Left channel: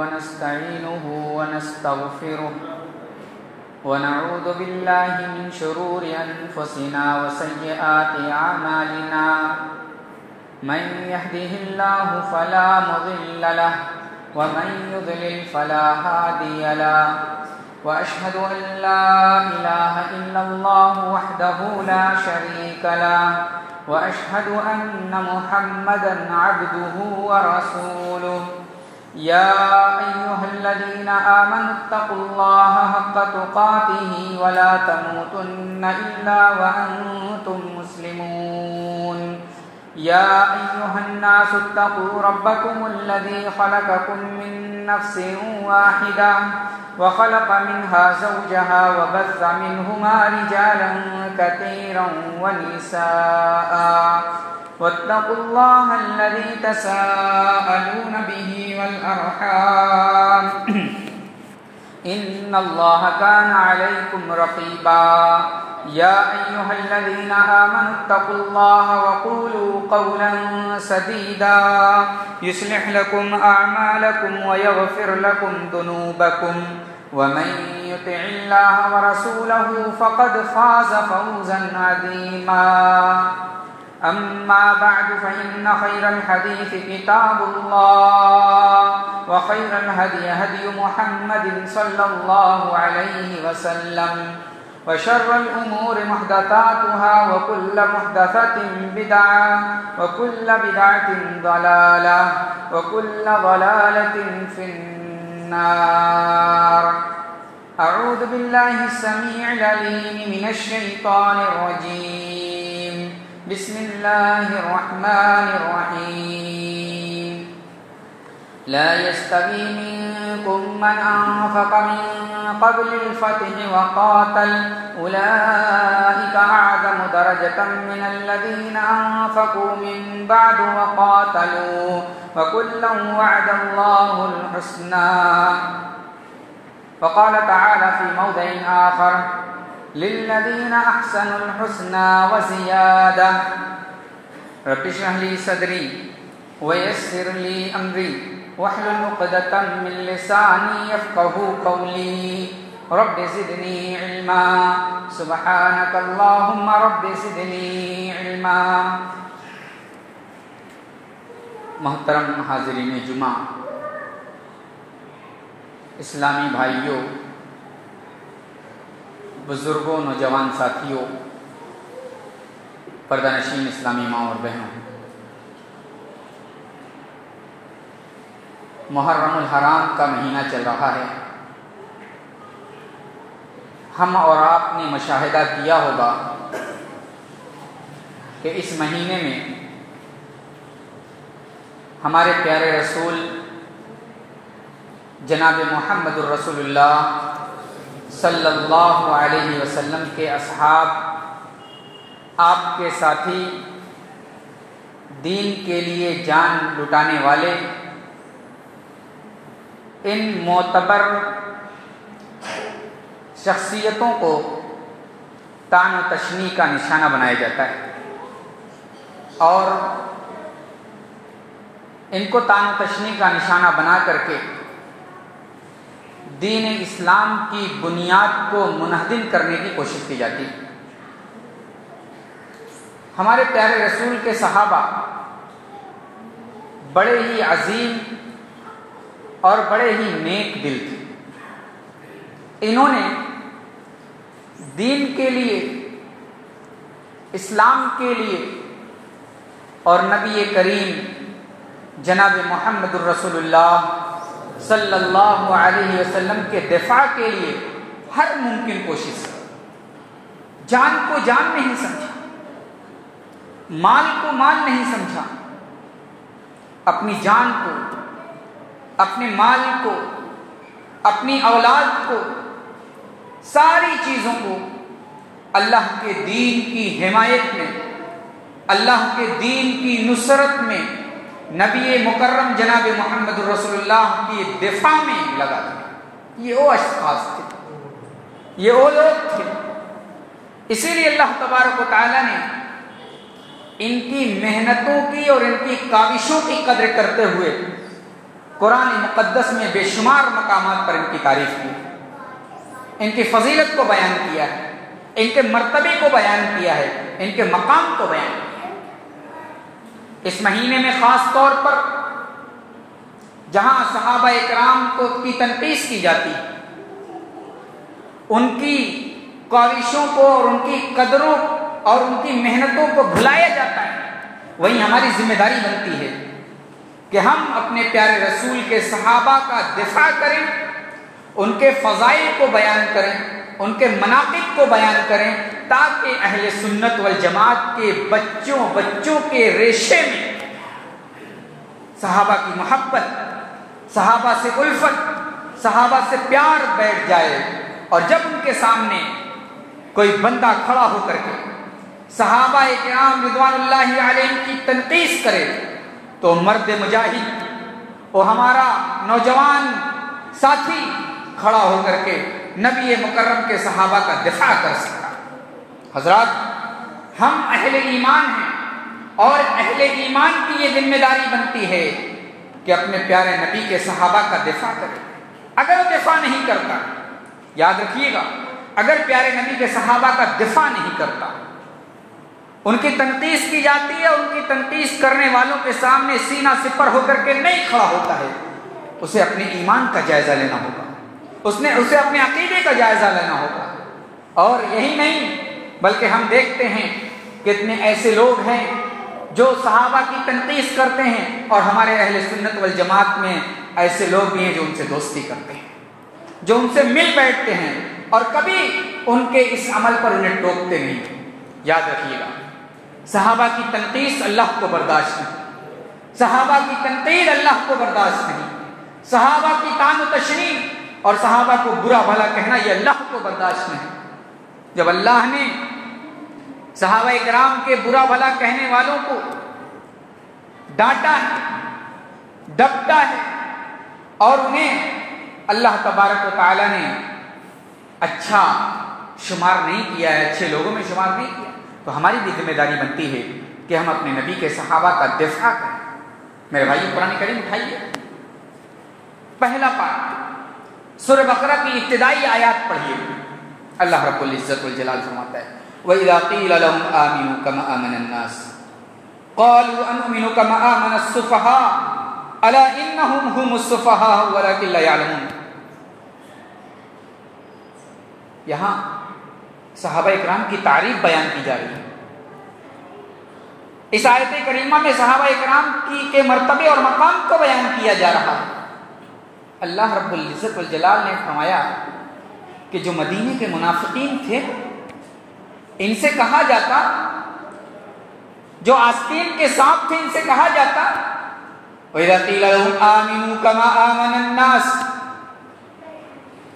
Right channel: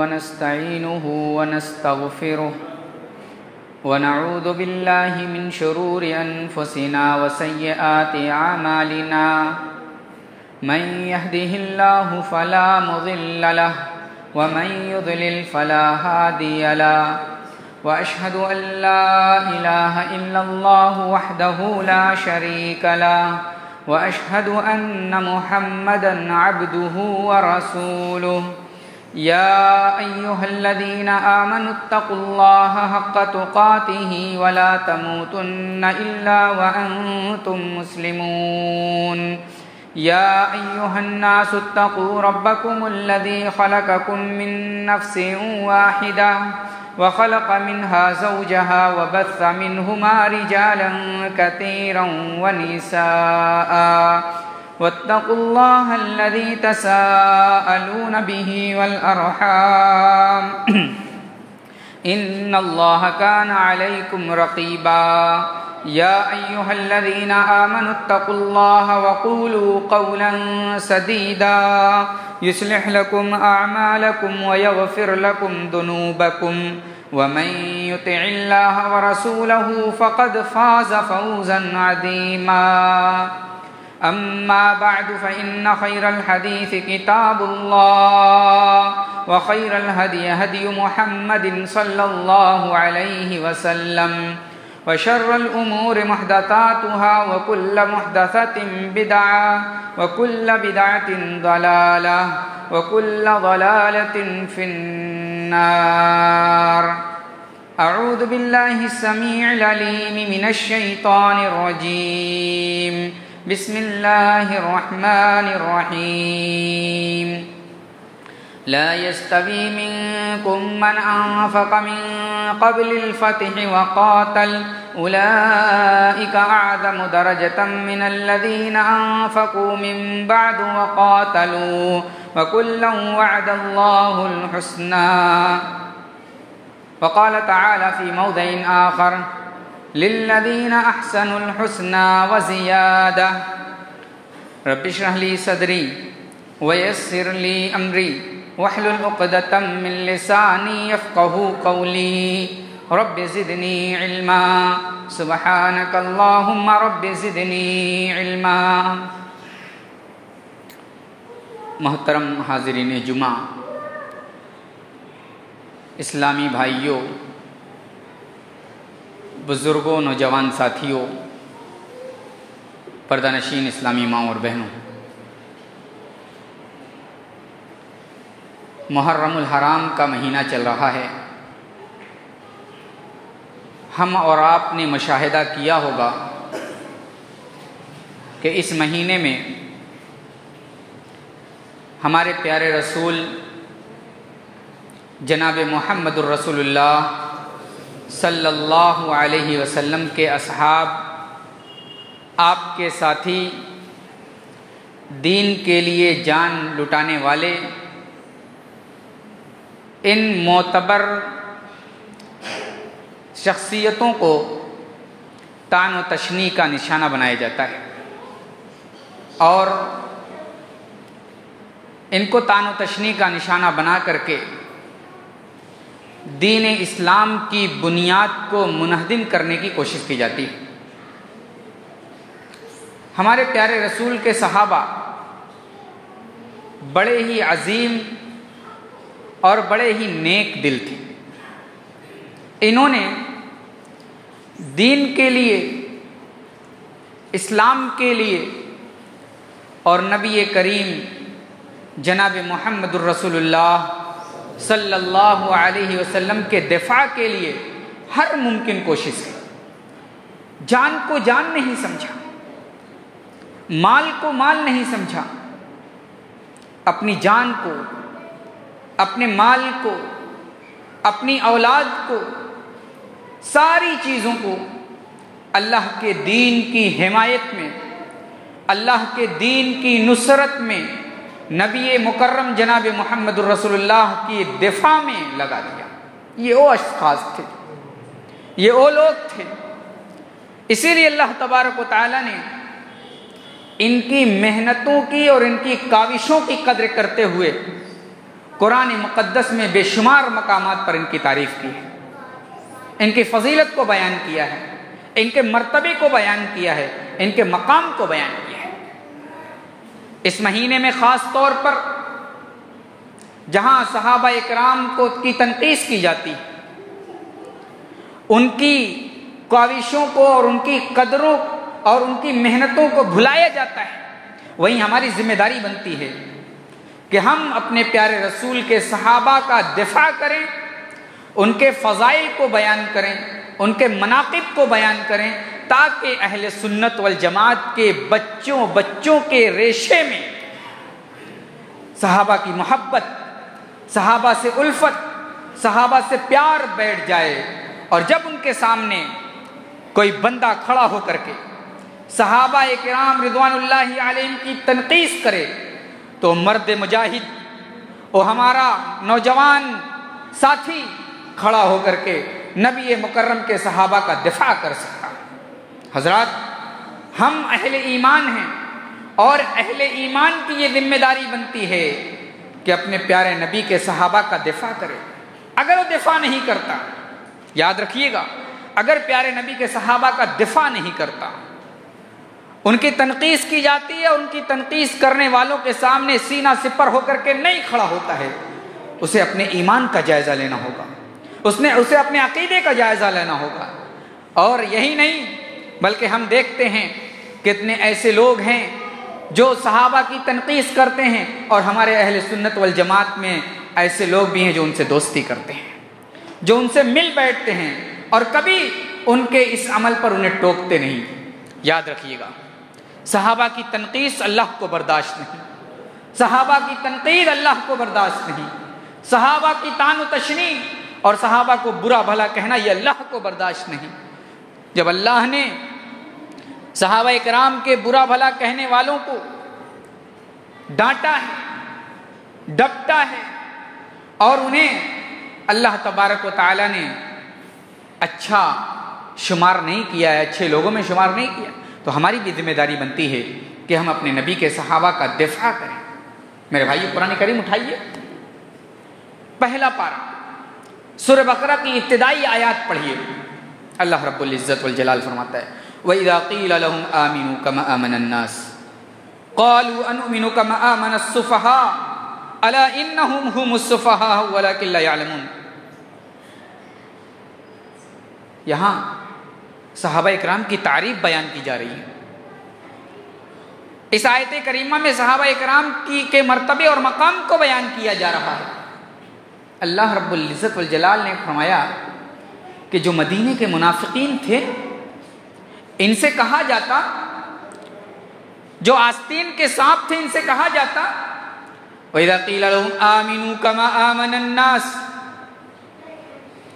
ونستعينه ونستغفره ونعوذ بالله من شرور أنفسنا وسيئات أعمالنا من يهده الله فلا مضل له ومن يضلل فلا هادي له وأشهد أن لا إله إلا الله وحده لا شريك له وأشهد أن محمدا عبده ورسوله يا أيها الذين آمنوا اتقوا الله حق تقاته ولا تموتن إلا وأنتم مسلمون يا أيها الناس اتقوا ربكم الذي خلقكم من نفس واحدة وخلق منها زوجها وبث منهما رجالا كثيرا ونساء واتقوا الله الذي تساءلون به والأرحام إن الله كان عليكم رقيبا يا أيها الذين آمنوا اتقوا الله وقولوا قولا سديدا يصلح لكم أعمالكم ويغفر لكم ذنوبكم ومن يطع الله ورسوله فقد فاز فوزا عظيما أما بعد فإن خير الحديث كتاب الله وخير الهدي هدي محمد صلى الله عليه وسلم وشر الأمور محدثاتها وكل محدثة بدعة وكل بدعة ضلالة وكل ضلالة في النار أعوذ بالله السميع العليم من الشيطان الرجيم بسم الله الرحمن الرحيم لا يستوي منكم من أنفق من قبل الفتح وقاتل أولئك أعظم درجة من الذين أنفقوا من بعد وقاتلوا وكلا وعد الله الحسنى وقال تعالى في موضع آخر للذين أحسنوا الحسنى وزيادة رب اشرح لي صدري ويسر لي أمري واحلل عقدة من لساني يفقهوا قولي رب زدني علما سبحانك اللهم رب زدني علما. محترم حاضرین جمعہ، اسلامی بھائیوں، بزرگوں، نوجوان ساتھیوں، پردہ نشین اسلامی ماں اور بہنوں، محرم الحرام کا مہینہ چل رہا ہے. ہم اور آپ نے مشاہدہ کیا ہوگا کہ اس مہینے میں ہمارے پیارے رسول جناب محمد الرسول اللہ صلی اللہ علیہ وسلم کے اصحاب، آپ کے ساتھی، دین کے لیے جان لٹانے والے، ان معتبر شخصیتوں کو طعن و تشنیع کا نشانہ بنایا جاتا ہے، اور ان کو طعن و تشنیع کا نشانہ بنا کر کے دین اسلام کی بنیاد کو منہدم کرنے کی کوشش کی جاتی ہے. ہمارے پیارے رسول کے صحابہ بڑے ہی عظیم اور بڑے ہی نیک دل تھے. انہوں نے دین کے لیے، اسلام کے لیے اور نبی کریم جناب محمد الرسول اللہ صلی اللہ علیہ وسلم کے دفاع کے لیے ہر ممکن کوشش کی. جان کو جان نہیں سمجھا، مال کو مال نہیں سمجھا، اپنی جان کو، اپنے مال کو، اپنی اولاد کو، ساری چیزوں کو اللہ کے دین کی حمایت میں، اللہ کے دین کی نصرت میں، نبی مکرم جناب محمد الرسول اللہ کی دفاع میں لگا دیا. یہ وہ اشخاص تھے، یہ وہ لوگ تھے. اسی لیے اللہ تبارک و تعالی نے ان کی محنتوں کی اور ان کی کاوشوں کی قدر کرتے ہوئے قرآن مقدس میں بے شمار مقامات پر ان کی تعریف کی ہے، ان کی فضیلت کو بیان کیا ہے، ان کے مرتبے کو بیان کیا ہے، ان کے مقام کو بیان کیا ہے۔ اس مہینے میں خاص طور پر جہاں صحابہ اکرام کی تنقیص کی جاتی ہے، ان کی کاوشوں کو اور ان کی قدروں اور ان کی محنتوں کو بھلایا جاتا ہے، وہیں ہماری ذمہ داری بنتی ہے کہ ہم اپنے پیارے رسول کے صحابہ کا دفاع کریں، ان کے فضائل کو بیان کریں، ان کے مناقب کو بیان کریں، تاکہ اہل سنت والجماعت کے بچوں کے ریشے میں صحابہ کی محبت، صحابہ سے الفت، صحابہ سے پیار بیٹھ جائے، اور جب ان کے سامنے کوئی بندہ کھڑا ہو کر کے صحابہ کرام رضوان اللہ علیہم کی تنقیص کرے تو مرد مجاہد اور ہمارا نوجوان ساتھی کھڑا ہو کر کے نبی مکرم کے صحابہ کا دفاع کر سکتا۔ حضرات، ہم اہل ایمان ہیں اور اہل ایمان کی یہ ذمہ داری بنتی ہے کہ اپنے پیارے نبی کے صحابہ کا دفاع کرے۔ اگر وہ دفاع نہیں کرتا، یاد رکھیے گا، اگر پیارے نبی کے صحابہ کا دفاع نہیں کرتا، ان کی تنقیص کی جاتی ہے، ان کی تنقیص کرنے والوں کے سامنے سینہ سپر ہو کر کے نہیں کھڑا ہوتا ہے، اسے اپنے ایمان کا جائزہ لینا ہوگا، اسے اپنے عقیدے کا جائزہ لینا ہوگا۔ اور یہی نہیں بلکہ ہم دیکھتے ہیں کتنے ایسے لوگ ہیں جو صحابہ کی تنقیص کرتے ہیں، اور ہمارے اہل سنت والجماعت میں ایسے لوگ بھی ہیں جو ان سے دوستی کرتے ہیں، جو ان سے مل بیٹھتے ہیں اور کبھی ان کے اس عمل پر انہیں ٹوکتے نہیں۔ یاد رکھیے گا، صحابہ کی تنقیص اللہ کو برداشت نہیں، صحابہ کی تنقید اللہ کو برداشت نہیں، صحابہ کی طعن و تشنیع اور صحابہ کو برا بھلا کہنا یہ اللہ کو برداشت نہیں۔ جب اللہ نے صحابہ کرام کے برا بھلا کہنے والوں کو ڈانٹا ہے، ڈپٹا ہے، اور انہیں اللہ تبارک و تعالی نے اچھا شمار نہیں کیا ہے، اچھے لوگوں میں شمار نہیں کیا، تو ہماری بھی ذمہ داری بنتی ہے کہ ہم اپنے نبی کے صحابہ کا دفاع کریں۔ میرے بھائی، قرآن کریم اٹھائیے، پہلا پارہ سورہ بقرہ کی ابتدائی آیات پڑھیے۔ اللہ رب العزت والجلال فرماتا ہے، وَإِذَا قِيلَ لَهُمْ آمِنُوا كَمَا آمَنَ النَّاسُ قَالُوا أَنُؤْمِنُ كَمَا آمَنَ السُّفَهَاءُ أَلَا إِنَّهُمْ هُمُ السُّفَهَاءُ وَلَكِنْ لَا يَعْلَمُونَ۔ یہاں صحابہ اکرام کی تعریف بیان کی جا رہی ہے۔ اس آیت کریمہ میں صحابہ اکرام کے مرتبے اور مقام کو بیان کیا جا رہا ہے۔ اللہ رب العزت والجلال نے فرمایا کہ جو مدینے کے منافقین تھے، ان سے کہا جاتا، جو آستین کے سانپ تھے، ان سے کہا جاتا وَإِذَا قِيلَ لَهُمْ آمِنُوا كَمَا آمَنَ النَّاسُ،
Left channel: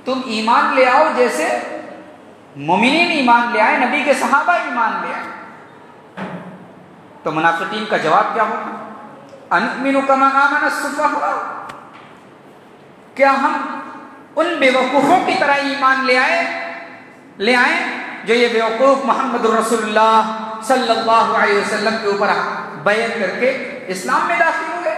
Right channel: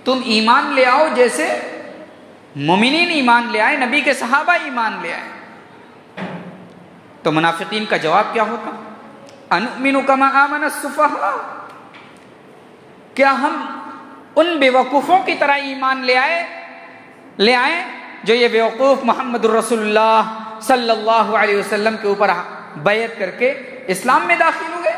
تم ایمان لے آؤ جیسے مومنین ایمان لے آئے، نبی کے صحابہ ایمان لے آئے۔ تو منافقین کا جواب کیا ہوتا؟ أَنُؤْمِنُ كَمَا آمَنَ السُّفَهَاءُ، کیا ہم ان بے وقوفوں کی طرح ایمان لے آئیں جو یہ بے وقوف محمد الرسول اللہ صلی اللہ علیہ وسلم کے اوپر بیعت کر کے اسلام میں داخل ہوئے؟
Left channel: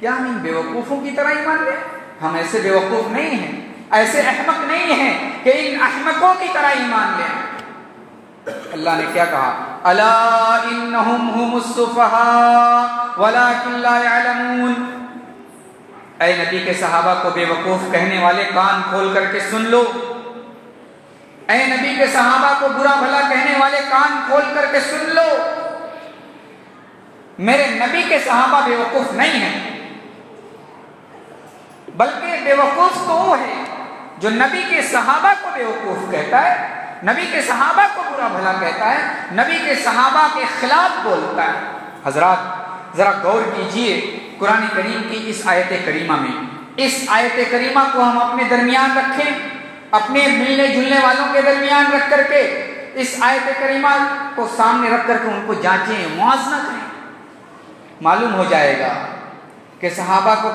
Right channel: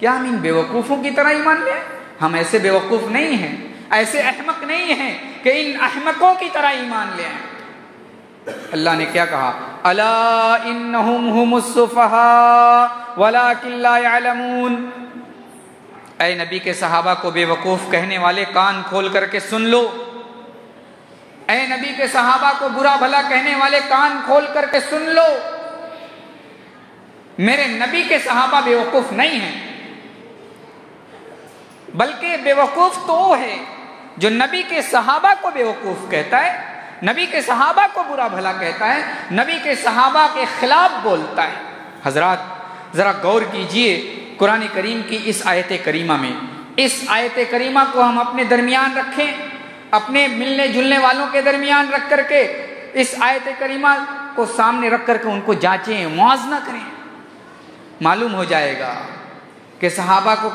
کیا ہم ان بے وقوفوں کی طرح ایمان لے آئیں؟ ہم ایسے بے وقوف نہیں ہیں، ایسے احمق نہیں ہیں کہ ان احمقوں کی طرح ایمان لے آئیں۔ اللہ نے کیا کہا؟ الا انہم ہم السفہاء ولکن لا يعلمون۔ اے نبی کے صحابہ کو بے وقوف کہنے والے، کان کھول کر کے سن لو۔ اے نبی کے صحابہ کو برا بھلا کہنے والے، کان کھول کر کے سن لو۔ میرے نبی کے صحابہ بے وقوف نہیں ہیں، بلکہ بے وقوف تو وہ ہے جو نبی کے صحابہ کو بے وقوف کہتا ہے، نبی کے صحابہ کو برا بھلا کہتا ہے، نبی کے صحابہ کے خلاف بولتا ہے۔ حضرات، ذرا غور کیجئے قرآن کریم کی اس آیت کریمہ میں۔ اس آیت کریمہ کو ہم اپنے درمیان رکھیں، اپنے ملنے جلنے والوں کے درمیان رکھ کر کے اس آیت کریمہ کو سامنے رکھ کر کے ان کو جانچیں، موازنہ کریں۔ معلوم ہو جائے گا کہ صحابہ کو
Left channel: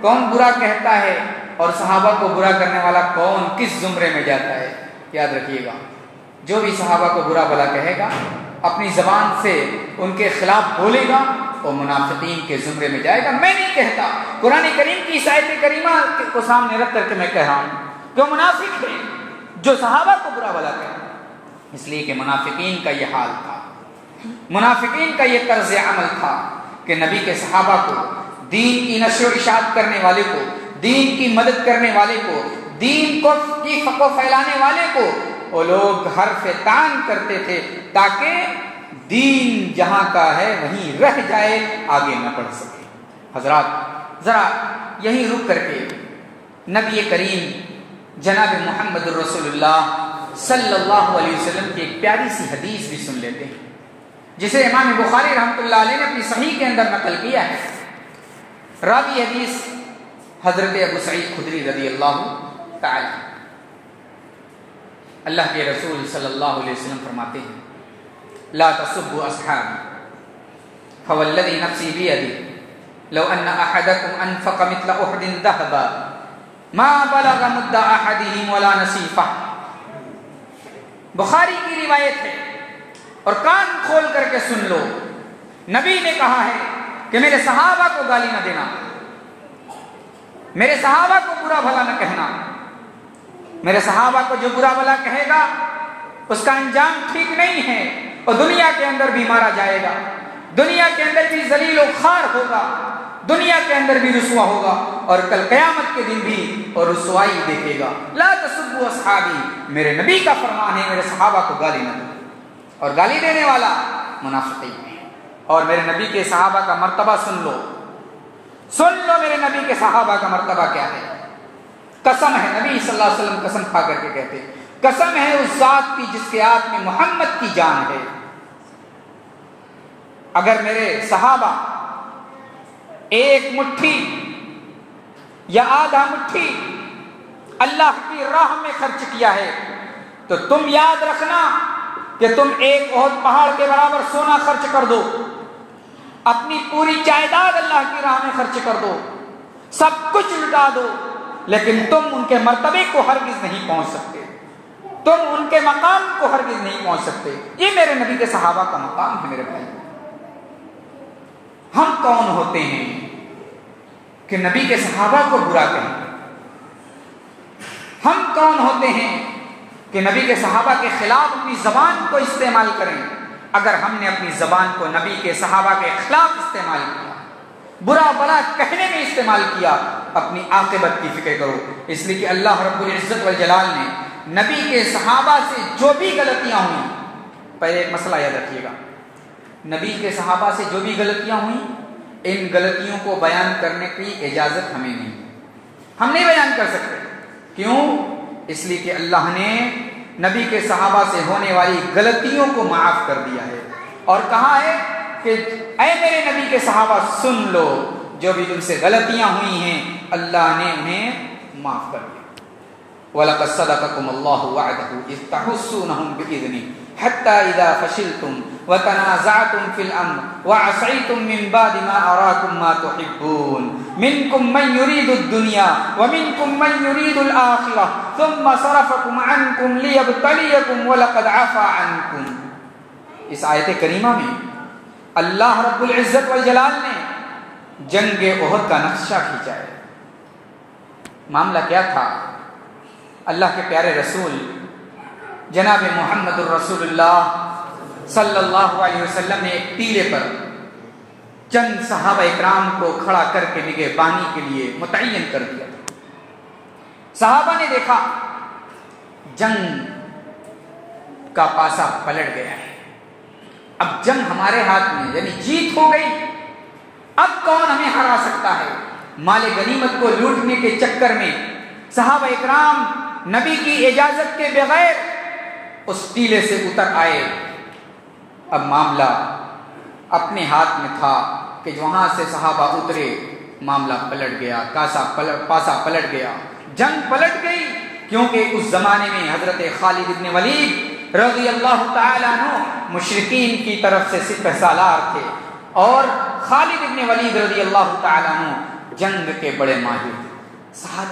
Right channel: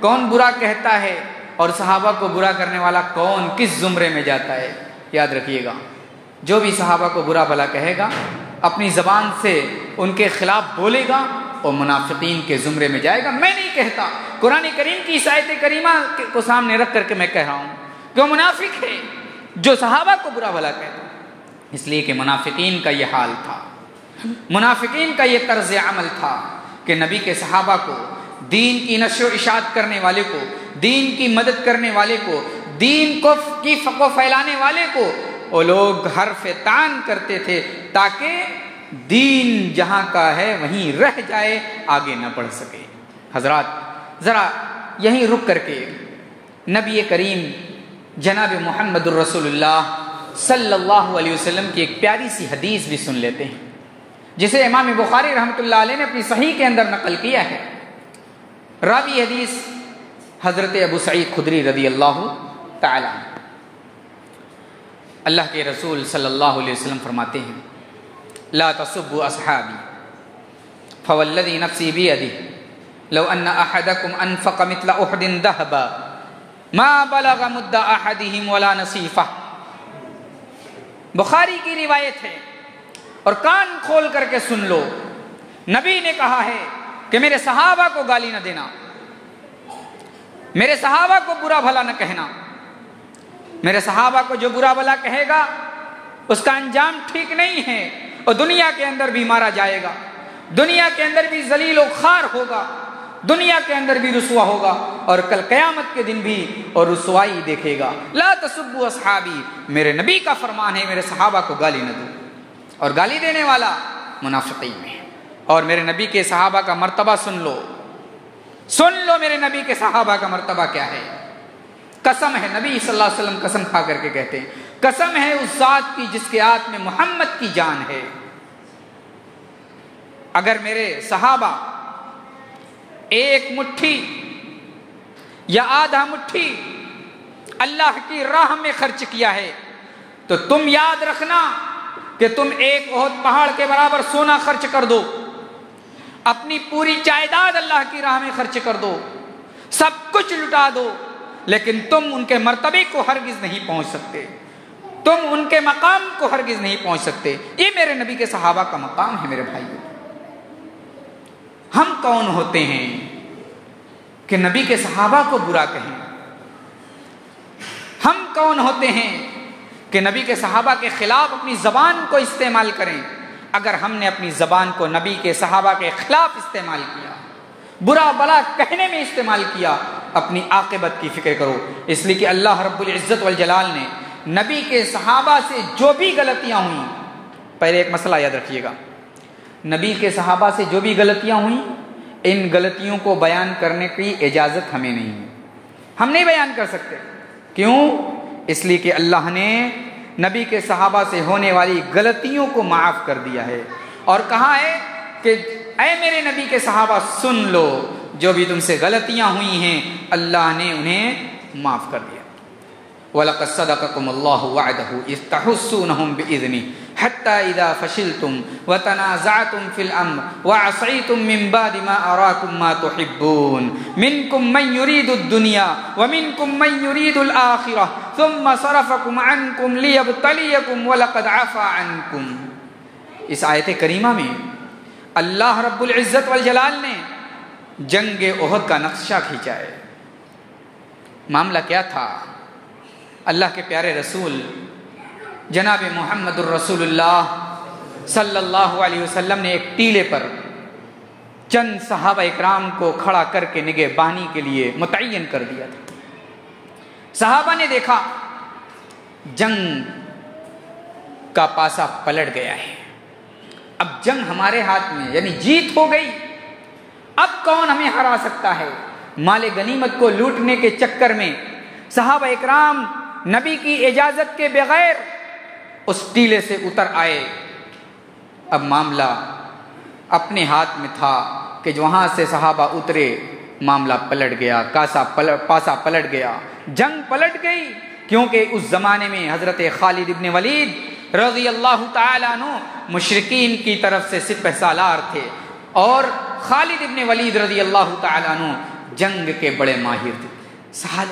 کون برا کہتا ہے اور صحابہ کو برا کرنے والا کون کس زمرے میں جاتا ہے۔ یاد رکھیے گا، جو بھی صحابہ کو برا بھلا کہے گا، اپنی زبان سے ان کے خلاف بولے گا، وہ منافقین کے زمرے میں جائے گا۔ میں نہیں کہتا، قرآن کریم کی اس آیت کریمہ کو سامنے رکھ کر کے میں کہہ رہا ہوں کہ وہ منافق ہے جو صحابہ کو برا بھلا کہتا، اس لیے کہ منافقین کا یہ حال تھا، منافقین کا یہ طرز عمل تھا کہ نبی کے صحابہ کو، دین کی نشر و اشاعت کرنے والے کو، دین کی مدد کرنے والے کو، دین کی فقہ پھیلانے والے کو وہ لوگ حرف تان کرتے تھے تاکہ دین جہاں کا ہے وہیں رہ جائے، آگے نہ بڑھ سکے۔ حضرات ذرا یہیں رک کر کے نبی کریم جناب محمد الرسول اللہ صلی اللہ علیہ وسلم کی ایک پیاری سی حدیث بھی سن لیتے ہیں، جسے امام بخاری رحمۃ اللہ علیہ نے اپنی صحیح کے اندر نقل کیا ہے۔ راوی حدیث حضرت ابو سعید خدری رضی اللہ تعالی۔ اللہ کے رسول صلی اللہ علیہ وسلم فرماتے ہیں لا تسبوا اصحابی فوالذی نفسی بیدی لو ان احدکم انفق مثل احد ذهبا ما بلغ مد احدهم ولا نصیفہ۔ بخاری کی روایت ہے اور کان کھول کر کے سن لو، نبی نے کہا ہے کہ میرے صحابہ کو گالی نہ دینا، میرے صحابہ کو برا بھلا نہ کہنا، میرے صحابہ کو جو برا بھلا کہے گا اس کا انجام ٹھیک نہیں ہے، اور دنیا کے اندر بھی مارا جائے گا، دنیا کے اندر بھی ذلیل و خوار ہوگا، دنیا کے اندر بھی رسوا ہوگا، اور کل قیامت کے دن بھی اور رسوائی دیکھے گا۔ لا تسبوا اصحابی، میرے نبی کا فرمان ہے میرے صحابہ کو گالی نہ دو، اور گالی دینے والا منافقین ہے۔ اور میرے نبی کے صحابہ کا مرتبہ سن لو، سن لو میرے نبی کے صحابہ کا مرتبہ کیا ہے۔ قسم ہے، نبی صلی اللہ علیہ وسلم قسم کھا کر کے کہتے ہیں، قسم ہے اس ذات کی جس کے ہاتھ میں محمد کی جان ہے، اگر میرے صحابہ ایک مٹھی یا آدھا مٹھی اللہ کی راہ میں خرچ کیا ہے تو تم یاد رکھنا کہ تم ایک احد پہاڑ کے برابر سونا خرچ کر دو، اپنی پوری جائیداد اللہ کی راہ میں خرچ کر دو، سب کچھ لٹا دو، لیکن تم ان کے مرتبے کو ہرگز نہیں پہنچ سکتے، تم ان کے مقام کو ہرگز نہیں پہنچ سکتے۔ یہ میرے نبی کے صحابہ کا مقام ہے۔ میرے بھائی، ہم کون ہوتے ہیں کہ نبی کے صحابہ کو برا کہیں؟ ہم کون ہوتے ہیں کہ نبی کے صحابہ کے خلاف اپنی زبان کو استعمال کریں؟ اگر ہم نے اپنی زبان کو نبی کے صحابہ کے خلاف استعمال کیا، برا بلا کہنے میں استعمال کیا، اپنی عاقبت کی فکر کرو، اس لیے کہ اللہ رب العزت والجلال نے نبی کے صحابہ سے جو بھی غلطیاں ہوئیں، پہلے ایک مسئلہ یاد رکھیے گا، نبی کے صحابہ سے جو بھی غلطیاں ہوئیں، ان غلطیوں کو بیان کرنے کی اجازت ہمیں نہیں ہے، ہم نہیں بیان کر سکتے۔ کیوں؟ اس لیے کہ اللہ نے نبی کے صحابہ سے ہونے والی غلطیوں کو معاف کر دیا ہے، اور کہا ہے کہ اے میرے نبی کے صحابہ سن لو، جو بھی تم سے غلطیاں ہوئی ہیں اللہ نے انہیں معاف کر دیا۔ وَلَقَدْ صَدَقَكُمُ اللَّهُ وَعْدَهُ إِذْ تَحُسُّونَهُم بِإِذْنِهِ حَتَّى إِذَا فَشِلْتُمْ وَتَنَازَعْتُمْ فِي الْأَمْرِ وَعَصَيْتُم مِّن بَعْدِ مَا أَرَاكُم مَّا تُحِبُّونَ مِنكُم مَّن يُرِيدُ الدُّنْيَا وَمِنكُم مَّن يُرِيدُ الْآخِرَةَ ثُمَّ صَرَفَكُمْ عَنكُمْ لِيَبْتَلِيَكُمْ وَلَقَدْ عَفَا عَنكُمْ۔ اس آیت کریمہ میں اللہ رب العزت والجلال نے جنگ احد کا نقشہ کھینچا ہے۔ معاملہ کیا تھا؟ اللہ کے پیارے رسول جناب محمد الرسول اللہ صلی اللہ علیہ وسلم نے ایک ٹیلے پر چند صحابہ اکرام کو کھڑا کر کے نگہبانی کے لیے متعین کر دیا تھا۔ صحابہ نے دیکھا جنگ کا پاسا پلٹ گیا ہے، اب جنگ ہمارے ہاتھ میں، یعنی جیت ہو گئی، اب کون ہمیں ہرا سکتا ہے؟ مال غنیمت کو لوٹنے کے چکر میں صحابہ اکرام نبی کی اجازت کے بغیر اس ٹیلے سے اتر آئے۔ اب معاملہ اپنے ہاتھ میں تھا کہ وہاں سے صحابہ اترے، معاملہ پلٹ گیا، پاسا پلٹ گیا، جنگ پلٹ گئی، کیونکہ اس زمانے میں حضرت خالد ابن ولید رضی اللہ تعالیٰ عنہ مشرکین کی طرف سے سپہ سالار تھے، اور خالد ابن ولید رضی اللہ تعالیٰ عنہ جنگ کے بڑے ماہر تھے۔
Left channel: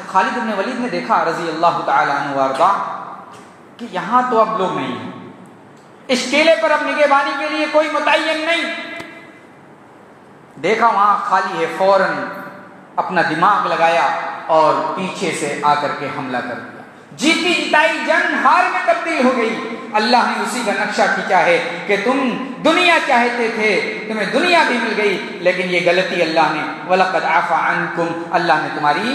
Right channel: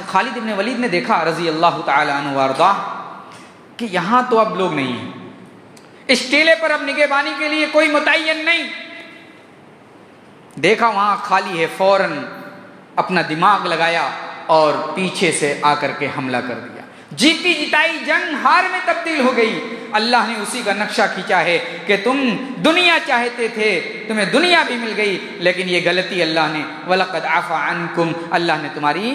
خالد ابن ولید نے دیکھا رضی اللہ تعالیٰ عنہ وارضا کہ یہاں تو اب لوگ نہیں ہیں، اس ٹیلے پر اب نگہبانی کے لیے کوئی متعین نہیں، دیکھا وہاں خالی ہے، فوراً اپنا دماغ لگایا اور پیچھے سے آ کر کے حملہ کر دیا. جیتی جتائی جنگ ہار میں تبدیل ہو گئی. اللہ نے اسی کا نقشہ کھینچا ہے کہ تم دنیا چاہتے تھے، تمہیں دنیا بھی مل گئی، لیکن یہ غلطی اللہ نے وَلَقَدْ عَفَا عَنْكُمْ، اللہ نے تمہاری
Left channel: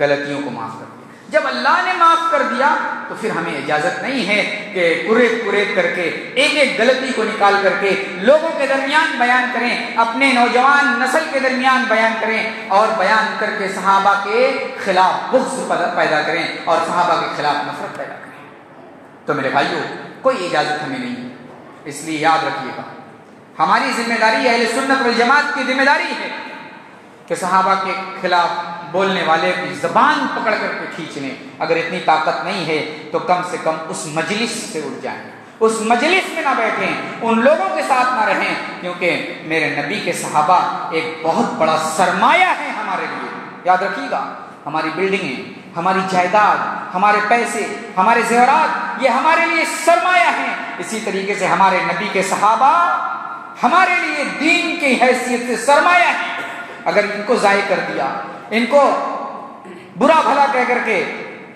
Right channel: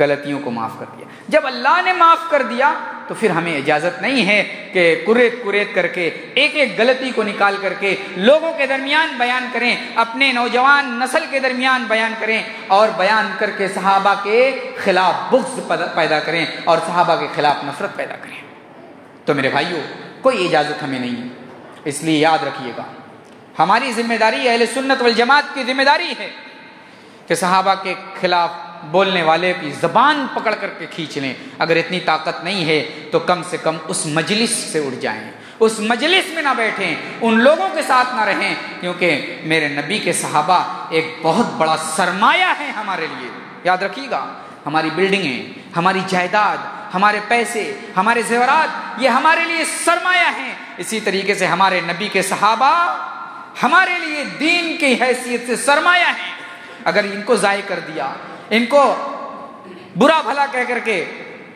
غلطیوں کو معاف کر دیا. جب اللہ نے معاف کر دیا تو پھر ہمیں اجازت نہیں ہے کہ قریت کر کے ایک ایک غلطی کو نکال کر کے لوگوں کے درمیان بیان کریں، اپنے نوجوان نسل کے درمیان بیان کریں اور بیان کر کے صحابہ کے خلاف بغض پیدا کریں اور صحابہ کے خلاف نفرت پیدا کریں. تو میرے بھائیوں، کوئی اجازت ہمیں نہیں ہے. اس لیے یاد رکھیے گا، ہماری ذمہ داری، اہل سنت والجماعت کی ذمہ داری ہے کہ صحابہ کے خلاف بولنے والے کی زبان پکڑ کر کے کھینچ لیں. اگر اتنی طاقت نہیں ہے تو کم سے کم اس مجلس سے اٹھ جائیں، اس مجلس میں نہ بیٹھیں، ان لوگوں کے ساتھ نہ رہیں، کیونکہ میرے نبی کے صحابہ ایک بہت بڑا سرمایہ ہے ہمارے لیے. یاد رکھیے گا، ہماری بلڈنگیں، ہماری جائیداد، ہمارے پیسے، ہمارے زیورات، یہ ہمارے لیے سرمایہ ہیں. اسی طریقے سے ہمارے نبی کے صحابہ ہمارے لیے دین کی حیثیت سے سرمایہ ہیں. اگر ان کو ضائع کر دیا، ان کو برا بھلا کہہ کر کے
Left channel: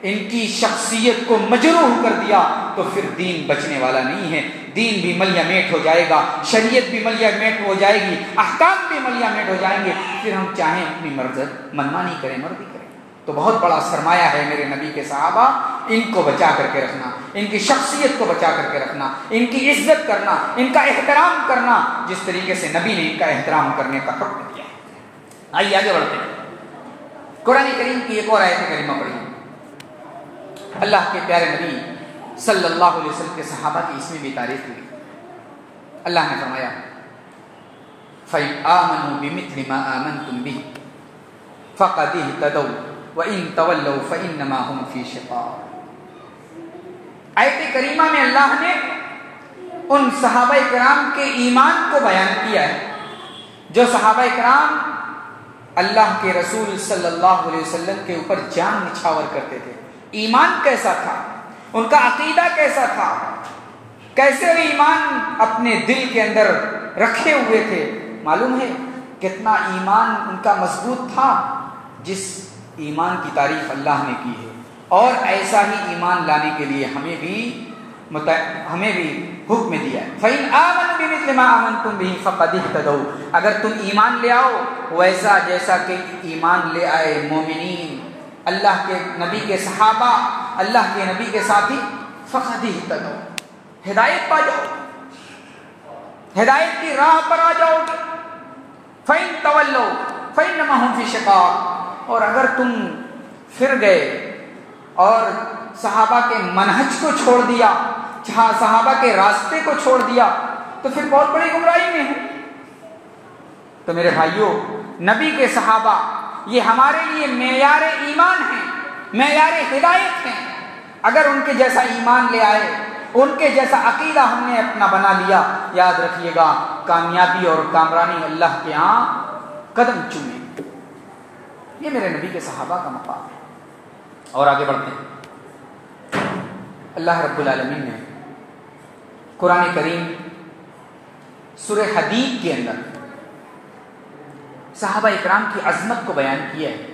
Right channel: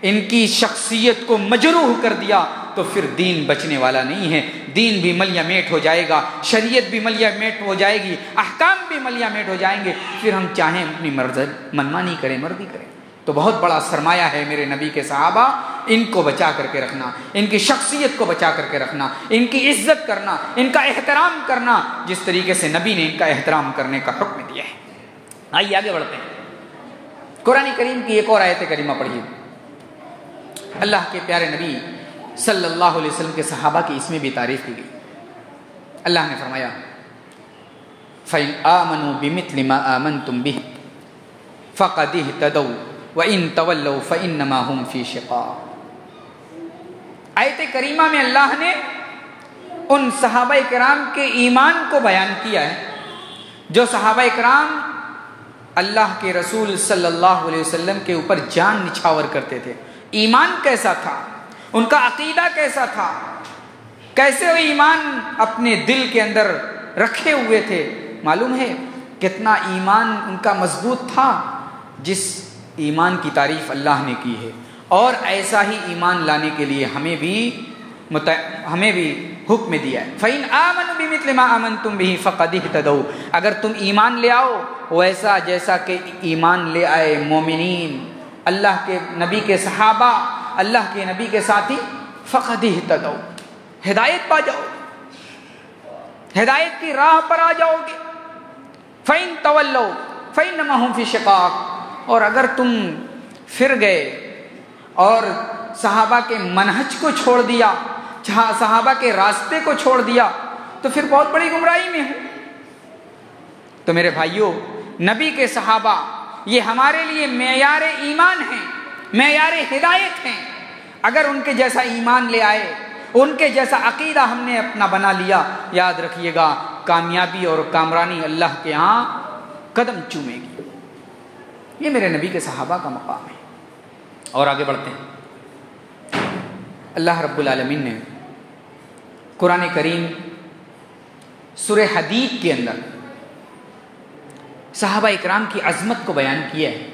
ان کی شخصیت کو مجروح کر دیا تو پھر دین بچنے والا نہیں ہے. دین بھی ملیا میٹ ہو جائے گا، شریعت بھی ملیا میٹ ہو جائے گی، احکام بھی ملیا میٹ ہو جائیں گے. پھر ہم چاہیں اپنی منمانی کریں، مرضی کریں. تو بہت بڑا سرمایہ ہے میرے نبی کے صحابہ، ان کو بچا کر کے رکھنا، ان کی شخصیت کو بچا کر کے رکھنا، ان کی عزت کرنا، ان کا احترام کرنا، جس طریقے سے نبی نے ان کا احترام کرنے کا حکم دیا ہے. آئیے آگے بڑھتے ہیں. قرآن کریم کی ایک اور آیت کریمہ پڑھیے. اللہ کے پیارے نبی صلی اللہ علیہ وسلم کے صحابہ کی اس میں بھی تعریف کی گئی. اللہ نے فرمایا فَإِنْ آمَنُوا بِمِثْلِ مَا آمَنْتُمْ بِهِ فَقَدِ اهْتَدَوْا وَإِنْ تَوَلَّوْا فَإِنَّمَا هُمْ فِي شِقَاقٍ. آیت کریمہ میں اللہ نے ان صحابہ کرام کے ایمان کو بیان کیا ہے جو صحابہ کرام اللہ کے رسول صلی اللہ علیہ وسلم کے اوپر جان نچھاور کرتے تھے. ایمان کیسا تھا، ان کا عقیدہ کیسا تھا، کیسے وہ ایمان اپنے دل کے اندر رکھے ہوئے تھے. معلوم ہے کتنا ایمان ان کا مضبوط تھا، جس ایمان کی تعریف اللہ نے کی ہے. اور ایسا ہی ایمان لانے کے لیے ہمیں بھی حکم دیا ہے. فَإِنْ آمَنُوا بِمِثْلِ مَا آمَنْتُمْ بِهِ فَقَدِ اهْتَدَوْا. اگر تم ایمان لے آؤ ویسا جیسا کہ ایمان لے آئے مومنین، اللہ کے نبی کے صحابہ، اللہ کے نبی کے ساتھی، فَقَدِ اهْتَدَوْا، ہدایت پا جاؤ، ہدایت کی راہ پر آ جاؤ گے. فَإِنْ تَوَلَّوْا فَإِنَّمَا هُمْ فِي شِقَاقٍ. اور اگر تم پھر گئے اور صحابہ کے منہج کو چھوڑ دیا، صحابہ کے راستے کو چھوڑ دیا، تو پھر بہت بڑی گمراہی میں ہوں. تو میرے بھائیوں، نبی کے صحابہ یہ ہمارے لیے معیار ایمان ہیں، معیار ہدایت ہیں. اگر ان کے جیسا ایمان لے آئے، ان کے جیسا عقیدہ ہم نے اپنا بنا لیا، یاد رکھیے گا کامیابی اور کامرانی اللہ کے ہاں قدم چومے گی. یہ میرے نبی کے صحابہ کا مقام ہے. اور آگے بڑھتے ہیں. اللہ رب العالمین نے قرآن کریم سورہ حدید کے اندر صحابہ اکرام کی عظمت کو بیان کیا ہے.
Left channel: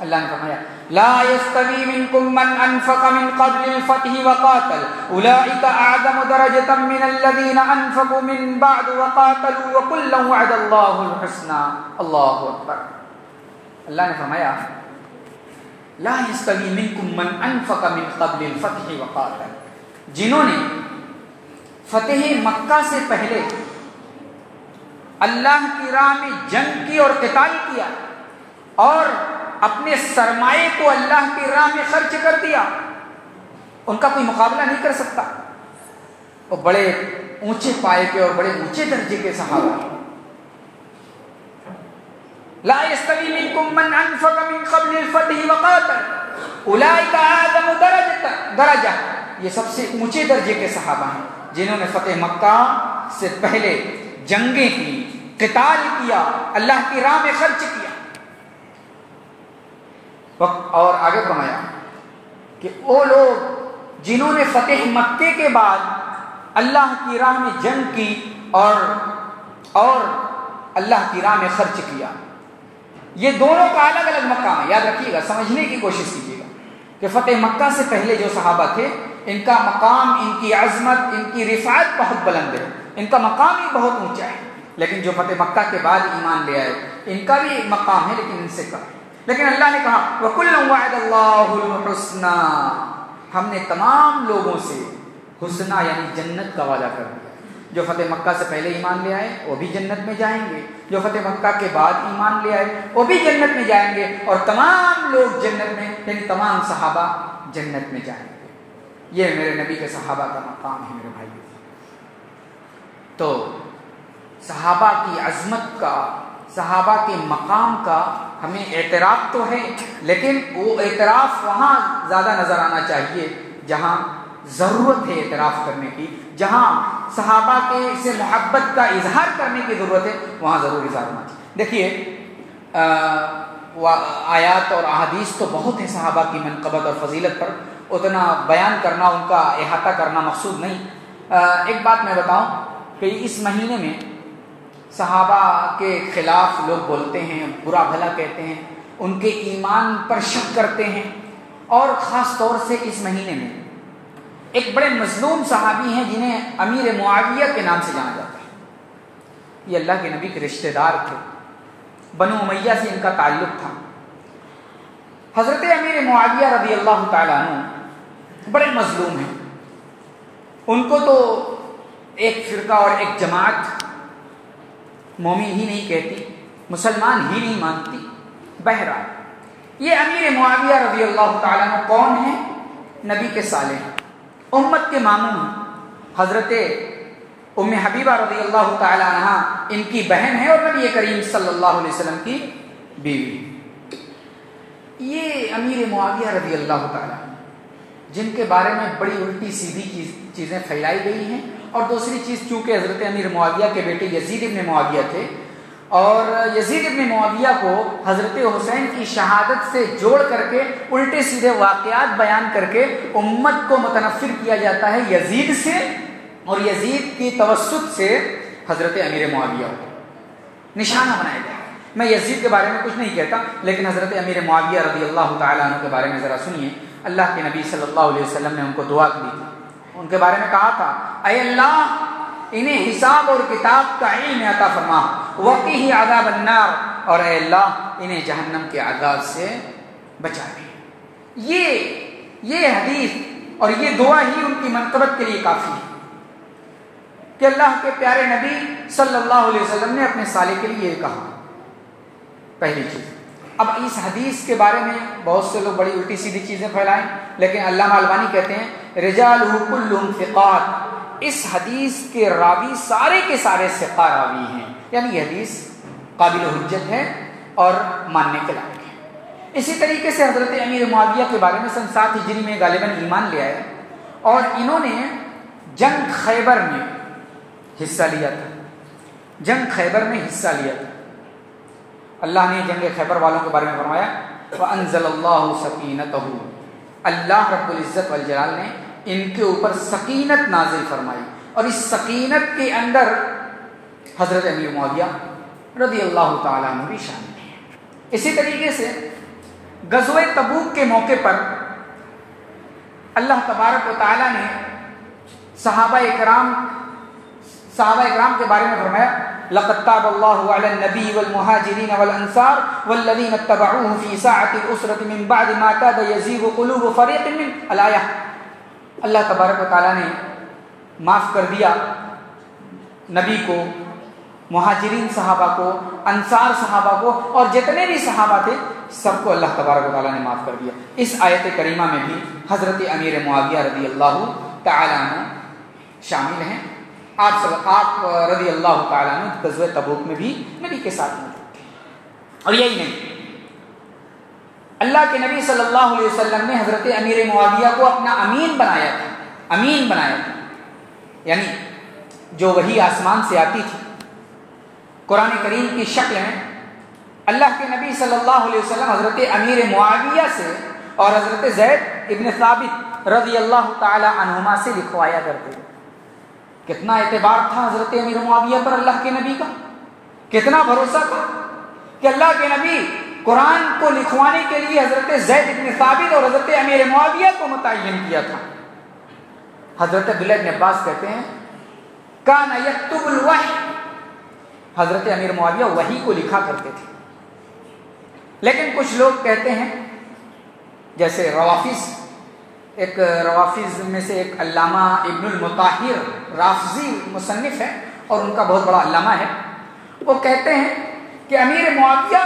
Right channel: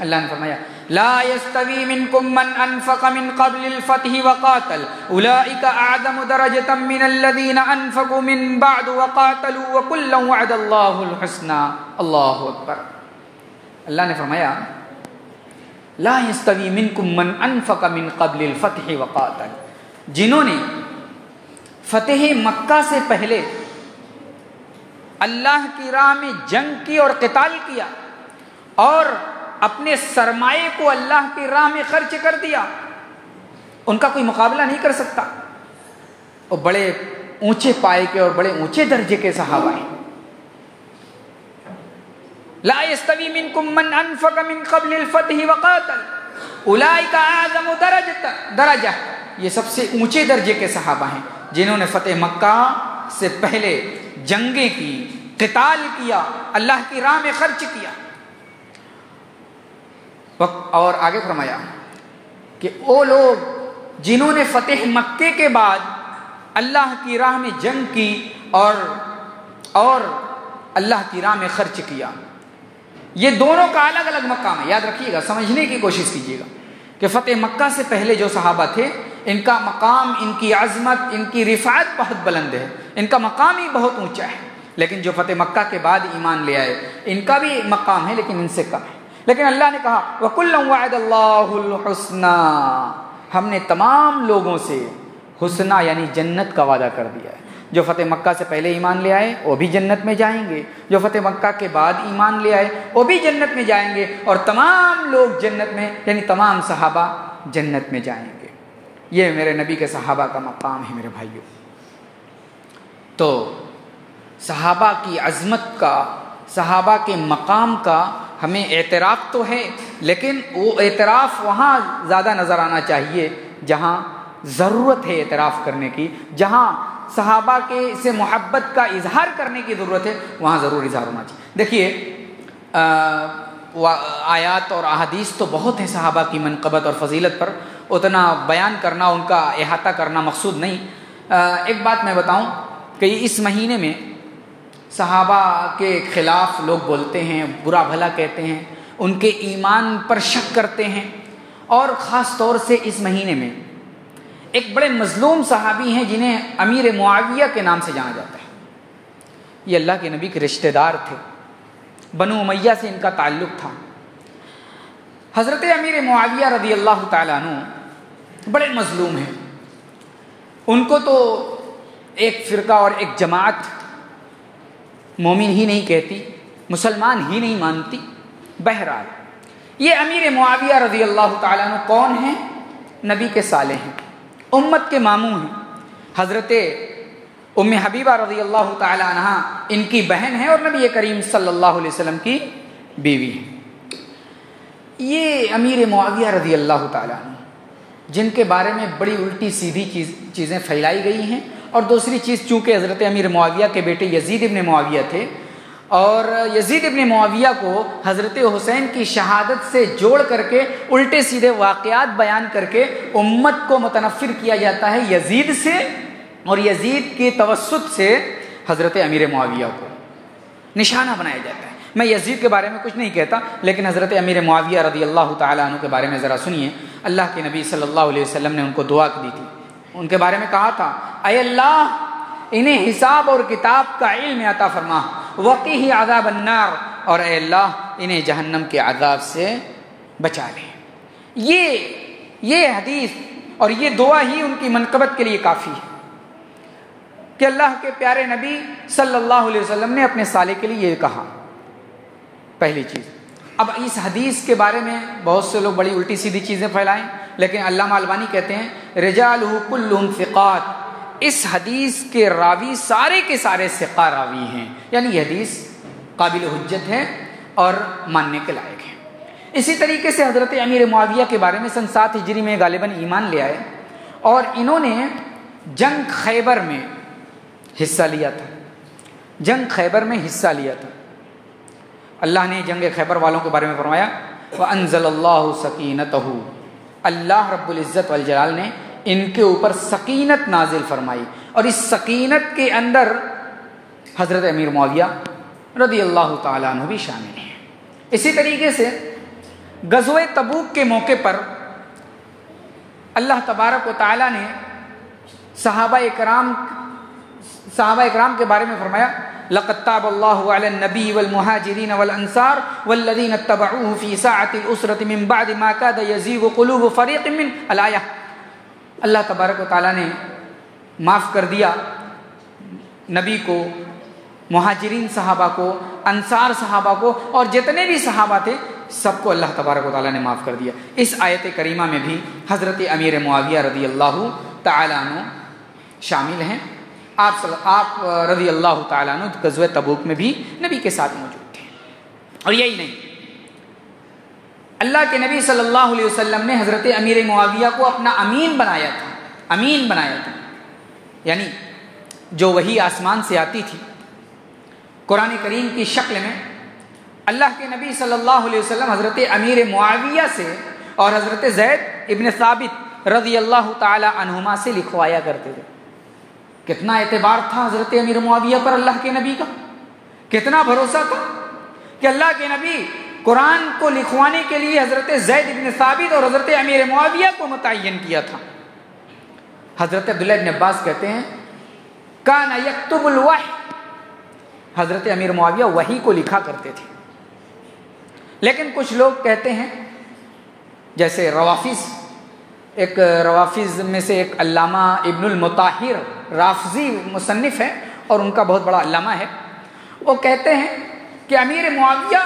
اللہ نے فرمایا لا يستوي منكم من انفق من قبل الفتح وقاتل اولئك اعظم درجة من الذين انفقوا من بعد وقاتلوا وكلا وعد الله الحسنى. اللہ اکبر. اللہ نے فرمایا لا يستوي منكم من انفق من قبل الفتح وقاتل. جنہوں نے فتح مکہ سے پہلے اللہ کی راہ میں جنگ کی اور قتال کیا اور اپنے سرمایے کو اللہ کی راہ میں خرچ کر دیا، ان کا کوئی مقابلہ نہیں کر سکتا. وہ بڑے اونچے پائے کے اور بڑے اونچے درجے کے صحابہ ہیں. لا يستوي منكم من انفق من قبل الفتح وقاتل اولئك اعظم درجة. یہ سب سے اونچے درجے کے صحابہ ہیں جنہوں نے فتح مکہ سے پہلے جنگیں کی، قتال کیا، اللہ کی راہ میں خرچ کیا. اور آگے فرمایا کہ وہ لوگ جنہوں نے فتح مکے کے بعد اللہ کی راہ میں جنگ کی اور اللہ کی راہ میں خرچ کیا. یہ دونوں کا الگ الگ مقام ہے. یاد رکھیے گا, سمجھنے کی کوشش کیجیے گا کہ فتح مکہ سے پہلے جو صحابہ تھے ان کا مقام, ان کی عظمت, ان کی رفعت بہت بلند ہے, ان کا مقام ہی بہت اونچا ہے. لیکن جو فتح مکہ کے بعد ایمان لے آئے ان کا بھی مقام ہے لیکن ان سے کم ہے. لیکن اللہ نے کہا وَكُلًّا وَعَدَ اللَّهُ الْحُسْنَى, ہم نے تمام لوگوں سے حسنہ یعنی جنت کا وعدہ کر دیا ہے. جو فتح مکہ سے پہلے ایمان لے آئے وہ بھی جنت میں جائیں گے, جو فتح مکہ کے بعد ایمان لے آئے وہ بھی جنت میں جائیں گے, اور تمام لوگ جنت میں یعنی تمام صحابہ جنت میں جائیں گے. یہ میرے نبی کے صحابہ کا مقام ہے میرے بھائیوں. تو صحابہ کی عظمت کا, صحابہ کے مقام کا ہمیں اعتراف تو ہے, لیکن وہ اعتراف وہاں زیادہ نظر آنا چاہیے جہاں ضرورت ہے اعتراف کرنے کی, جہاں صحابہ کے سے محبت کا اظہار کرنے کی ضرورت ہے وہاں ضرور اظہار ہونا چاہیے. دیکھیے آیات اور احادیث تو بہت ہیں صحابہ کی منقبت اور فضیلت پر, اتنا بیان کرنا, ان کا احاطہ کرنا مقصود نہیں. ایک بات میں بتاؤں کہ اس مہینے میں صحابہ کے خلاف لوگ بولتے ہیں, برا بھلا کہتے ہیں, ان کے ایمان پر شک کرتے ہیں, اور خاص طور سے اس مہینے میں ایک بڑے مظلوم صحابی ہیں جنہیں امیر معاویہ کے نام سے جانا جاتا ہے. یہ اللہ کے نبی کے رشتہ دار تھے, بنو امیہ سے ان کا تعلق تھا. حضرت امیر معاویہ رضی اللہ تعالیٰ عنہ بڑے مظلوم ہیں. ان کو تو ایک فرقہ اور ایک جماعت مومن ہی نہیں کہتی, مسلمان ہی نہیں مانتی. بہرحال یہ امیر معاویہ رضی اللہ تعالیٰ عنہ کون ہیں؟ نبی کے صالح ہیں, امت کے ماموں ہیں. حضرت ام حبیبہ رضی اللہ تعالی عنہ ان کی بہن ہے اور نبی کریم صلی اللہ علیہ وسلم کی بیوی ہے. یہ امیر معاویہ رضی اللہ تعالی عنہ جن کے بارے میں بڑی الٹی سیدھی چیزیں پھیلائی گئی ہیں, اور دوسری چیز چونکہ حضرت امیر معاویہ کے بیٹے یزید ابن معاویہ تھے, اور یزید ابن معاویہ کو حضرت حسین کی شہادت سے جوڑ کر کے الٹے سیدھے واقعات بیان کر کے امت کو متنفر کیا جاتا ہے یزید سے, اور یزید کے توسط سے حضرت امیر معاویہ کو نشانہ بنایا جاتا ہے. میں یزید کے بارے میں کچھ نہیں کہتا, لیکن حضرت امیر معاویہ رضی اللہ تعالیٰ عنہ کے بارے میں ذرا سنیے. اللہ کے نبی صلی اللہ علیہ وسلم نے ان کو دعا دی تھی. ان کے بارے میں کہا تھا اے اللہ انہیں حساب اور کتاب کا علم عطا فرما, وقیہ عذاب النار, اور اے اللہ انہیں جہنم کے عذاب سے بچا لے. یہ حدیث اور یہ دعا ہی ان کی منقبت کے لیے کافی ہے کہ اللہ کے پیارے نبی صلی اللہ علیہ وسلم نے اپنے سالے کے لیے یہ کہا. پہلی چیز. اب اس حدیث کے بارے میں بہت سے لوگ بڑی الٹی سیدھی چیزیں پھیلائیں, لیکن علامہ البانی کہتے ہیں رجالہ کلہم ثقات, اس حدیث کے راوی سارے کے سارے ثقہ راوی ہیں, یعنی یہ حدیث قابل حجت ہے اور ماننے کے لائق ہے. اسی طریقے سے حضرت امیر معاویہ کے بارے میں سن 7 ہجری میں غالباً ایمان لے آئے, اور انہوں نے جنگ خیبر میں حصہ لیا تھا. جنگ خیبر میں حصہ لیا تھا. اللہ نے جنگ خیبر والوں کے بارے میں فرمایا وَأَنزَلَ اللَّهُ سَكِينَتَهُ, اللہ رب العزت والجلال نے ان کے اوپر سکینت نازل فرمائی, اور اس سکینت کے اندر حضرت امیر معاویہ رضی اللہ تعالیٰ عنہ بھی شامل ہیں. اسی طریقے سے غزوہ تبوک کے موقع پر اللہ تبارک و تعالیٰ نے صحابہ اکرام کے بارے میں فرمایا لقد تاب الله على النبي والمهاجرين والانصار والذين اتبعوه في ساعة الأسرة من بعد ما كاد يزيغ قلوب فريق من الآية. اللہ تبارک و تعالیٰ نے معاف کر دیا نبی کو, مہاجرین صحابہ کو, انصار صحابہ کو, اور جتنے بھی صحابہ تھے سب کو اللہ تبارک و تعالیٰ نے معاف کر دیا. اس آیت کریمہ میں بھی حضرت امیر معاویہ رضی اللہ تعالیٰ عنہ شامل ہیں. آپ رضی اللہ تعالیٰ عنہ غزوہ تبوک میں بھی نبی کے ساتھ موجود تھے. اور یہی نہیں, اللہ کے نبی صلی اللہ علیہ وسلم نے حضرت امیر معاویہ کو اپنا امین بنایا تھا. یعنی جو وحی آسمان سے آتی تھی قرآن کریم کی شکل میں, اللہ کے نبی صلی اللہ علیہ وسلم حضرت امیر معاویہ سے اور حضرت زید ابن ثابت رضی اللہ تعالی عنہما سے لکھوایا کرتے تھے. کتنا اعتبار تھا حضرت امیر معاویہ پر اللہ کے نبی کا, کتنا بھروسہ تھا کہ اللہ کے نبی قرآن کو لکھوانے کے لیے حضرت زید بن ثابت اور حضرت امیر معاویہ کو متعین کیا تھا. حضرت عبداللہ بن عباس کہتے ہیں کان یکتب الوحی، حضرت امیر معاویہ وحی کو لکھا کرتے تھے. لیکن کچھ لوگ کہتے ہیں جیسے روافظ میں سے ایک علامہ ابن المطہر رافضی مصنف ہے اور ان کا بہت بڑا علامہ ہے، وہ کہتے ہیں کہ امیر معاویہ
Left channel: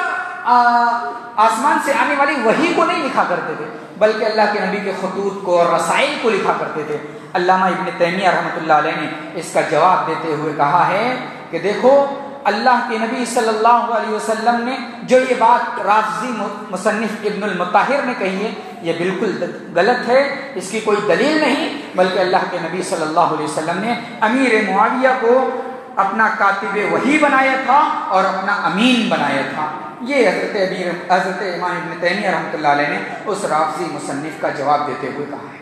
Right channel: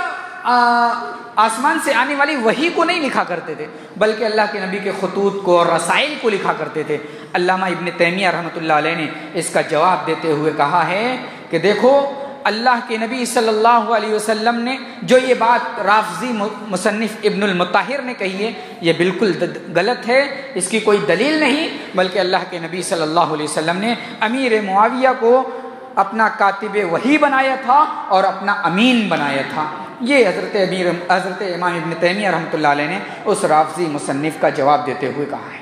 آسمان سے آنے والی وحی کو نہیں لکھا کرتے تھے بلکہ اللہ کے نبی کے خطوط کو اور رسائل کو لکھا کرتے تھے. علامہ ابن تیمیہ رحمۃ اللہ علیہ نے اس کا جواب دیتے ہوئے کہا ہے کہ دیکھو اللہ کے نبی صلی اللہ علیہ وسلم نے جو یہ بات رافضی مصنف ابن المطہر نے کہی ہے یہ بالکل غلط ہے، اس کی کوئی دلیل نہیں، بلکہ اللہ کے نبی صلی اللہ علیہ وسلم نے امیر معاویہ کو اپنا کاتب وحی بنایا تھا اور اپنا امین بنایا تھا. یہ حضرت امام ابن تیمیہ رحمۃ اللہ علیہ نے اس رافضی مصنف کا جواب دیتے ہوئے کہا ہے.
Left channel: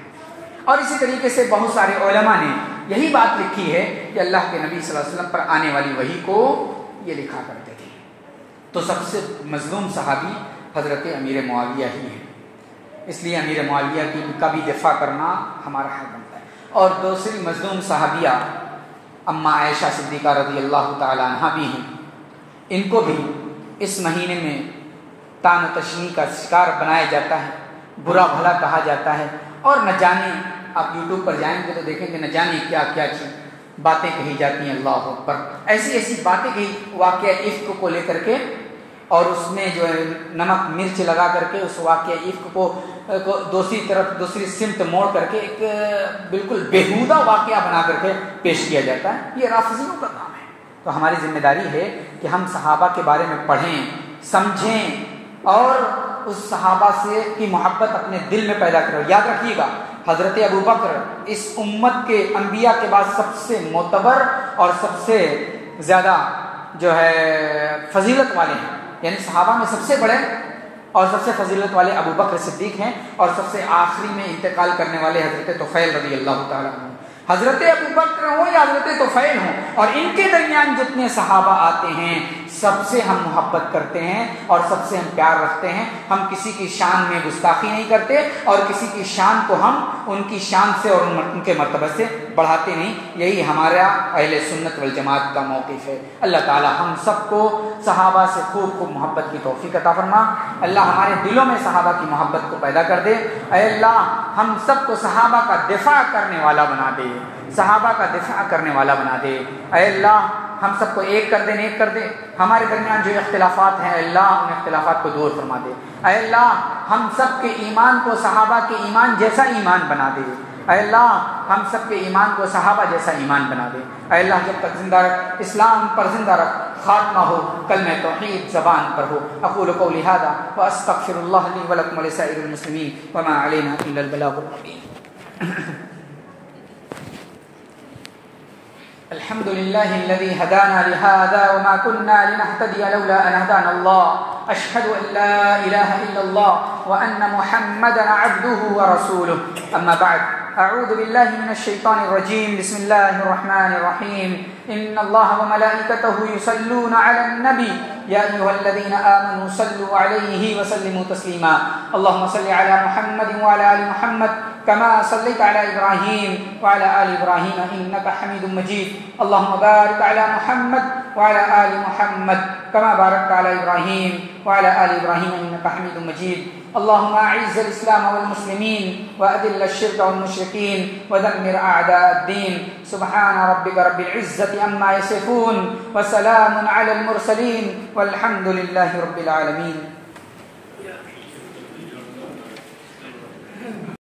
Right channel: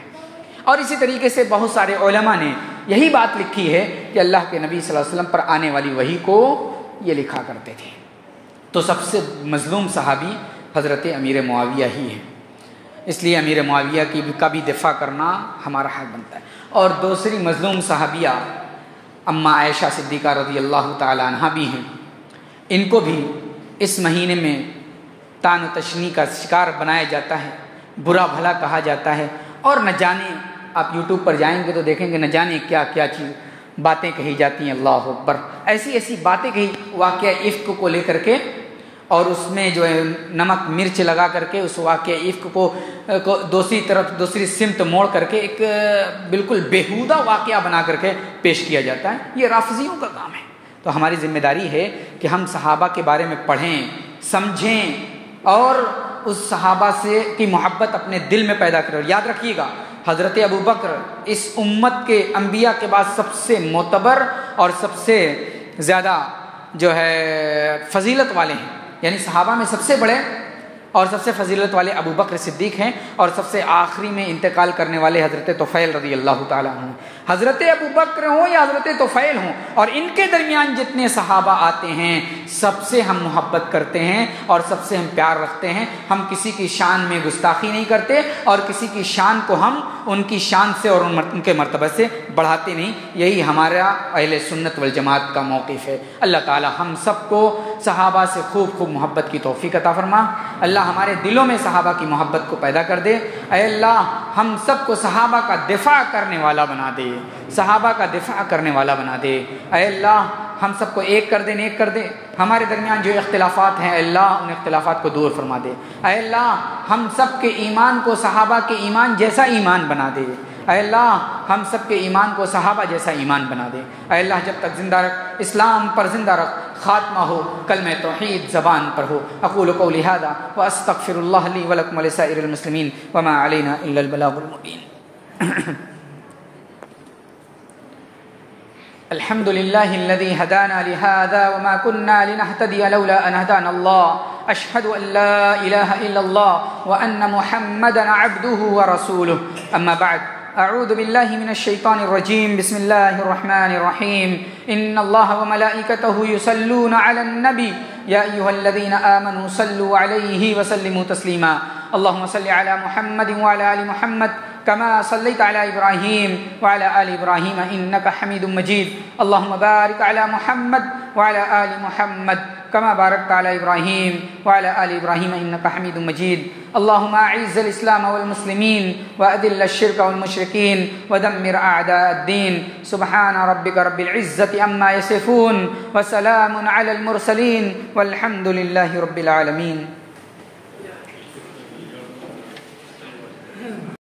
اور اسی طریقے سے بہت سارے علماء نے یہی بات لکھی ہے کہ اللہ کے نبی صلی اللہ علیہ وسلم پر آنے والی وحی کو یہ لکھا کرتے تھے. تو سب سے مظلوم صحابی حضرت امیر معاویہ ہی ہے، اس لیے امیر معاویہ کا بھی دفاع کرنا ہمارا حق بنتا ہے. اور دوسری مظلوم صحابیہ اما عائشہ صدیقہ رضی اللہ تعالی عنہا بھی ہیں. ان کو بھی اس مہینے میں طعن و تشنیع کا شکار بنایا جاتا ہے، برا بھلا کہا جاتا ہے، اور نہ جانے آپ یوٹیوب پر جائیں گے تو دیکھیں گے نہ جانے کیا کیا چیز باتیں کہی جاتی ہیں. اللہ اکبر، ایسی باتیں کہی واقعہ افک کو لے کر کے، اور اس میں جو ہے نمک مرچ لگا کر کے اس واقعہ افک کو دوسری سمت موڑ کر کے ایک بالکل بیہودہ واقعہ بنا کر کے پیش کیا جاتا ہے. یہ رافضیوں کا کام ہے. تو ہماری ذمہ داری ہے کہ ہم صحابہ کے بارے میں پڑھیں، سمجھیں اور اس صحابہ سے کی محبت اپنے دل میں پیدا کریں. یاد رکھیے گا حضرت ابو بکر اس امت کے انبیاء کے بعد سب سے معتبر اور سب سے زیادہ جو ہے فضیلت والے ہیں، یعنی صحابہ میں سب سے بڑے اور سب سے فضیلت والے ابو بکر صدیق ہیں، اور سب سے آخری میں انتقال کرنے والے حضرت طفیل رضی اللہ تعالیٰ عنہ. حضرت ابو بکر ہوں یا حضرت طفیل ہوں، اور ان کے درمیان جتنے صحابہ آتے ہیں سب سے ہم محبت کرتے ہیں اور سب سے ہم پیار رکھتے ہیں. ہم کسی کی شان میں گستاخی نہیں کرتے اور کسی کی شان کو ہم ان کی شان سے اور ان کے مرتبہ سے بڑھاتے نہیں. یہی ہمارا اہل سنت والجماعت کا موقف ہے. اللہ تعالی ہم سب کو صحابہ سے خوب محبت کی توفیق عطا فرما. اللہ ہمارے دلوں میں صحابہ کی محبت کو پیدا کر دے. اے اللہ ہم سب کو صحابہ کا دفاع کرنے والا بنا دے، صحابہ کا دفاع کرنے والا بنا دے. اے اللہ ہم سب کو ایک کر دے، نیک کر دے. ہمارے درمیان جو اختلافات ہیں اے اللہ ان اختلافات کو دور فرما دے. اے اللہ ہم سب کے ایمان کو صحابہ کے ایمان جیسا ایمان بنا دے. اے اللہ ہم سب کے ایمان کو صحابہ جیسا ایمان بنا دے. اے اللہ جب تک زندہ رکھ، اسلام پر زندہ رکھ، خاتمہ ہو کلمہ توحید زبان پر ہو. اقول قولی ھذا واستغفر اللہ لی ولکم ولسائر المسلمین وما علینا الا البلاغ المبین. الحمد لله الذي هدانا لهذا وما كنا لنهتدي لولا أن هدانا الله. أشهد أن لا إله إلا الله وأن محمدا عبده ورسوله. أما بعد، أعوذ بالله من الشيطان الرجيم. بسم الله الرحمن الرحيم. إن الله وملائكته يصلون على النبي يا أيها الذين آمنوا صلوا عليه وسلموا تسليما. اللهم صل على محمد وعلى آل محمد كما صليت على إبراهيم وعلى آل إبراهيم إنك حميد مجيد. اللهم بارك على محمد وعلى آل محمد كما باركت على إبراهيم وعلى آل إبراهيم إنك حميد مجيد. اللهم أعز الإسلام والمسلمين وأذل الشرك والمشركين ودمر أعداء الدين. سبحان ربك رب العزة عما يصفون وسلام على المرسلين والحمد لله رب العالمين.